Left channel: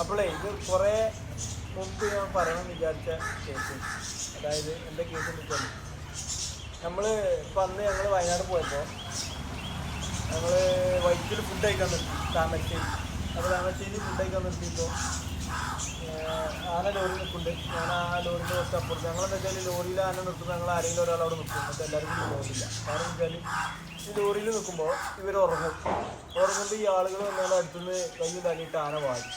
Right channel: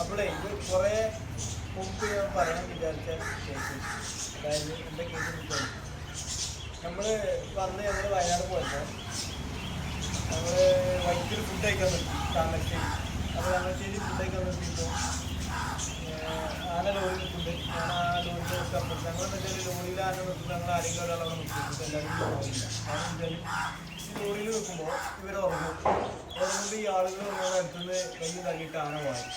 അപ്പോളേ ഇത് കുറേ മുമ്പ് ഞാൻ പറയണം വിചാരിച്ച കേസ്. അതായത് എൻ്റെ കേസ് എന്ന് വെച്ചാൽ നമ്മൾ ഇപ്പം അന്ന് ഞങ്ങൾ വയനാട് പോയപ്പോൾ ഞങ്ങൾ വൈറ്റിൽ ഫുഡ് കഴിക്കാൻ നിർത്തി താമരശ്ശേരി. അപ്പോൾ താമരശ്ശേരി ഫുഡ് കഴിക്കാൻ നിർത്തിയപ്പോൾ ആന ലോറി നിൽക്കുന്നുണ്ട്. ഞാൻ ആ ലോറിൻ്റെ കുറച്ച് അപ്പുറത്ത് ഞങ്ങളെന്താ വെച്ചാൽ ലോറിയിൽ ആന നിർത്തുമ്പോൾ ഞങ്ങൾ ആരെങ്കിലും ഒരാൾ അവിടെ നിൽക്കും. എന്നിട്ട് എല്ലാവരും കൂടി പോകില്ല. കാരണം വെച്ചാൽ ഈ ലോറിയിൽ നിൽക്കുമ്പോൾ ഇവർ ഉറങ്ങുമ്പോൾ ഈ ആളുകൾ വന്നാൽ അടുത്തുനിന്ന് കൈ തല്ലിയിട്ട് ആന വാരി.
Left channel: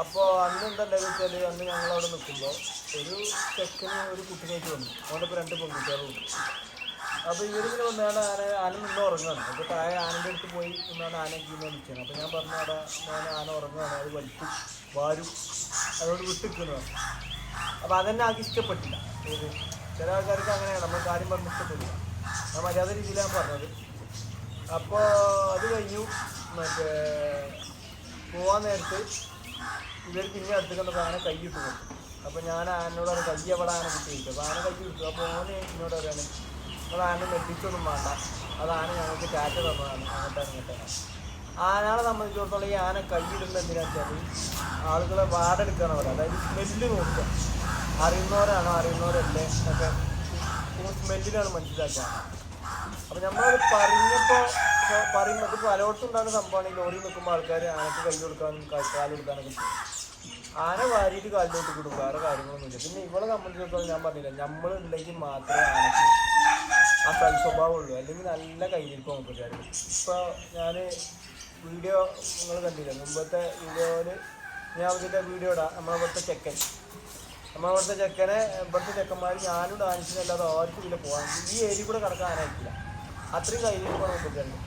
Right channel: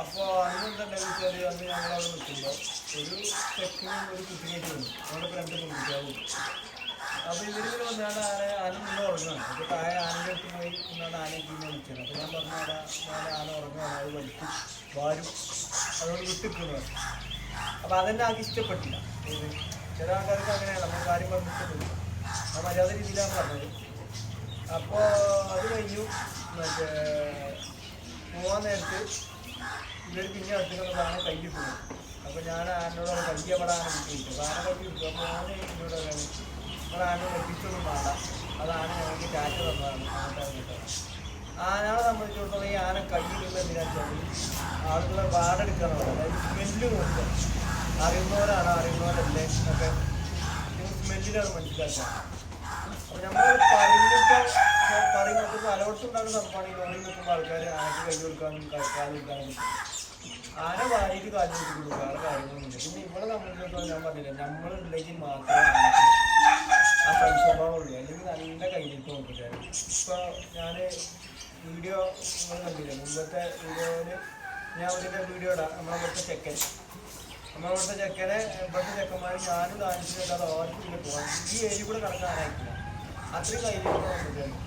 അപ്പോൾ അന്ന് എന്താ ഉണ്ടാകുക വെച്ചാൽ അന്ന് ഞങ്ങളവിടെ നിൽക്കുമ്പോൾ ഒരു ചെക്കന് ഒരു കുട്ടിനായിട്ട് വന്നു. അവൻ്റെ ഇപ്പോൾ 2 പെൺകുട്ടികളും ഉണ്ട്. അപ്പോൾ ഇവരിങ്ങനെ വന്നാണ് ആന നിന്ന് ഉറങ്ങുകയാണ്. അപ്പോൾ താഴെ ആനൻ്റെ അടുത്ത് പോയി നിന്നാണ് ആനയെ കീഴിൽ നിൽക്കുകയാണ്. അപ്പോൾ ഞാൻ പറഞ്ഞു അവിടെ ആന ഉറങ്ങുകയാണ്, അത് വലിക്കും വാരും അതോട് വിട്ടിരിക്കുന്നതാണ്. അപ്പോൾ അതെന്നെ ആകെ ഇഷ്ടപ്പെട്ടില്ല. ഏത് ചില ആൾക്കാർക്ക് അങ്ങനെയാണ്, നമ്മൾ കാര്യം പറഞ്ഞ് ഇഷ്ടപ്പെട്ടില്ല. ഞാൻ മര്യാദ രീതിയിലാണ് പറഞ്ഞത്. അപ്പോൾ അത് കഴിഞ്ഞു. മറ്റേ പോകാൻ നേരത്ത് ഇവർ പിന്നെ അടുത്തേക്കൊന്ന് ആന കൈ ഇട്ടു പോകും. അപ്പോൾ ഞാൻ ആനോട് കൈ എവിടെ ആന കുട്ടി കിട്ടും. അപ്പോൾ ആന കൈ കിട്ടും. അപ്പോൾ ഓന് എന്നോട് പറയാണ് നമ്മൾ ആന നെട്ടിച്ചൊന്നും വേണ്ട, അത് ആന ഞങ്ങൾക്ക് ടാറ്റ തന്നതാണ്, അങ്ങോട്ടാണ്. ആനയെ സംബന്ധിച്ചിടത്തോളം ഈ ആന കൈയിടുമ്പോൾ എന്തിനാച്ചാൽ ആളുകളെ വാടെടുക്കുകയാണ് അവിടെ. അതായത് സ്മെല്ല് നോക്കുക, അറിയുന്നവരല്ലേ എന്നൊക്കെ നിങ്ങൾ സ്മെല്ലിലാണ് മനസ്സിലാക്കുക. അപ്പോൾ നമ്മൾ പറയുമ്പോൾ പലയിടത്തും ഉണ്ടാകുന്ന സംഭവമാണ്. ഈ ലോറി നിൽക്കുമ്പോൾ ആൾക്കാർ ആനയ്ക്ക് കൈ കൊടുക്കാനും കാലെടുക്കാനൊക്കെ ആന വാരിയിട്ട് കാലിലോട്ട് കൊടുക്കും. വേറെ കാര്യങ്ങളൊന്നുമില്ല. പിന്നെ ഇവിടെ സംബന്ധിച്ചിടത്തോളം ഞാൻ പറഞ്ഞില്ല, നമ്മളുണ്ടെങ്കിൽ മാത്രമേ ആനയ്ക്ക് ആ കൈ സ്വഭാവമുള്ളൂ. അല്ലെങ്കിൽ നല്ല കയ്യിലിപ്പോൾ നോക്കിയാൽ. ഇപ്പോൾ ഞാൻ വീഡിയോ നിങ്ങൾ കണ്ടില്ല, മുമ്പത്തെ വീഡിയോയിൽ ഞാൻ ഇതിൻ്റെ വീഡിയോ ഇടാം. നമ്മളിവിടുത്തെ ചെക്കനെ ഇവിടുത്തെ ചെക്കന്മാർ ഞാനും ഡാൻസിനല്ലാതെ ആർക്കും ഇതിൽ പോകാൻ ഈ ഏരിയ കൂടെ കടക്കാൻ ആരായിട്ടില്ല. അത്രയും കയ്യിലിപ്പോൾ നോക്കിയാലും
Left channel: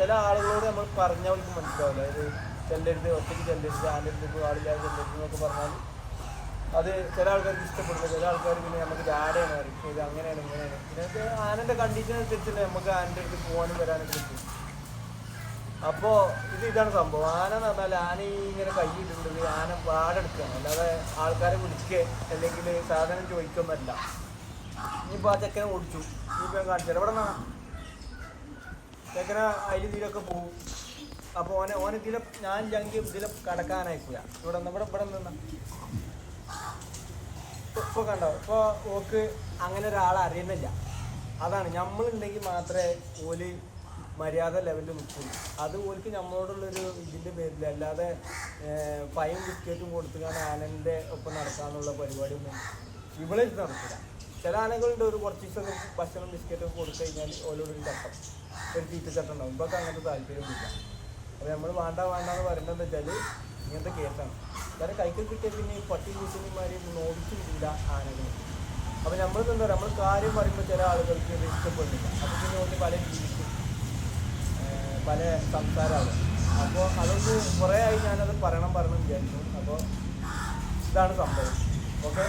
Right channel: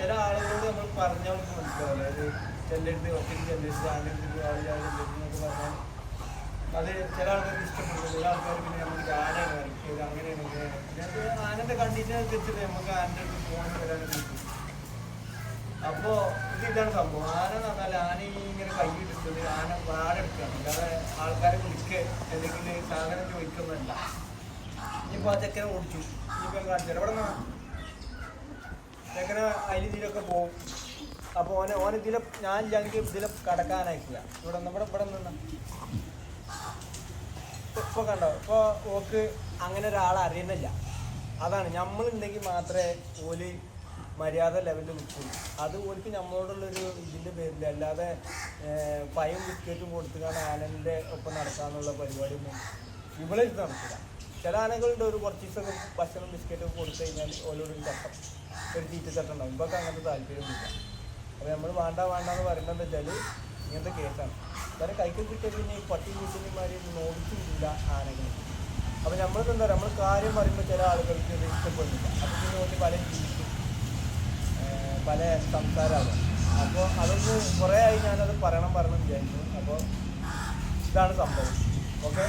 ചില ആളുകളോട് നമ്മൾ പറഞ്ഞാൽ അവർക്ക് മനസ്സിലാവില്ല. അതായത് ചെല്ലരുത്, ഒറ്റയ്ക്ക് ചെല്ലരുത്, ആൻ്റെ അടുത്ത് ആളില്ലാതെ ചെല്ലരുത് എന്നൊക്കെ പറഞ്ഞാൽ അത് ചില ആൾക്കാർക്ക് ഇഷ്ടപ്പെടുന്നു. ചില ആൾക്കാർ പിന്നെ നമുക്ക് ആടെയാണ് വരയ്ക്കും, ഇത് അങ്ങനെയാണ് ഇങ്ങനെയാണ്. പിന്നെ ആനൻ്റെ കണ്ടീഷൻ അനുസരിച്ചിട്ട് നമുക്ക് ആനൻ്റെ അടുത്ത് പോകാനും വരാനൊക്കെ കിട്ടും. അപ്പോൾ ഇതാണ് സംഭവം. ആന എന്ന് പറഞ്ഞാൽ ആന ഇങ്ങനെ കൈയിട്ടുണ്ട്, ആന വാടെടുക്കുകയാണ്. അല്ലാതെ ആൾക്കാരെ വിളിക്കുക അല്ലെങ്കിൽ സാധനം ചോദിക്കൊന്നുമല്ല. ഇനിയിപ്പോൾ ആ ചെക്കനെ ഓടിച്ചു, ഇനിയിപ്പോൾ കാണിച്ചാൽ എവിടെ നിന്നാണ് ചെക്കനെ അതിൽ ഇതിലൊക്കെ പോകും. അപ്പോൾ ഇതിലെ ഞാൻ ഇല്ലെങ്കിൽ ഇതിലെ കടക്കാനായിക്കുക. ഇവിടെ നിന്ന് ഇപ്പോൾ കണ്ടോ, ഇപ്പോൾ ഓക്ക് അങ്ങനെ ഒരാളെ അറിയുന്നില്ല. അതാണ് നമ്മളുണ്ടെങ്കിൽ മാത്രമേ ഓല് മര്യാദ ലെവലിൽ നിൽക്കുള്ളൂ. അത് ഓർക്ക് നമ്മളോടുള്ളൊരു ഇതിൻ്റെ പേരിൽ, അല്ലാതെ പയും ബിസ്ക്കറ്റും കൊടുത്തുകൊണ്ട് ആനൻ്റെ ഒപ്പം നടക്കാമെന്നുള്ള പരിപാടിയൊന്നും ഇവിടെ ഇത് നടക്കില്ല. ചില ആനകളുണ്ട് ഒരു കുറച്ച് ദിവസം ഭക്ഷണം ബിസ്ക്കറ്റൊക്കെ കൊടുത്തു കഴിഞ്ഞാൽ ഓരോടൊരു ചട്ടം, ഒരു തീറ്റച്ചട്ടം ഉണ്ടാവും. ഇപ്പൊക്കെ അങ്ങനത്തെ താല്പര്യമൊന്നുമില്ല. അപ്പോൾ നമ്മൾ വേണ്ടെന്ന് പറയുന്നത് വെച്ചാൽ ഇങ്ങനത്തെ കേസാണ്. കാരണം കൈക്ക് കിട്ടിയ പിന്നെ ഈ പട്ടി കൂട്ടിനിമാരെ നോടിച്ചു വിടില്ല ആനകൾ. അപ്പോൾ നമ്മളിത് എന്താ പറയുക, നമ്മൾ കാര്യം പറയുമ്പോൾ ചില ആളുകൾക്ക് ഇത് ഇഷ്ടപ്പെടുന്നില്ല. അപ്പോൾ പിന്നെ ഓടി പല ജീവിക്കും, പല സംസാരമാകും. അപ്പോൾ അതൊന്ന് കുറേ ആയി ഞാനത് പറയണം വിചാരിച്ചു. അപ്പോൾ ഇതാണ് സംഭവം. ഓക്കെ.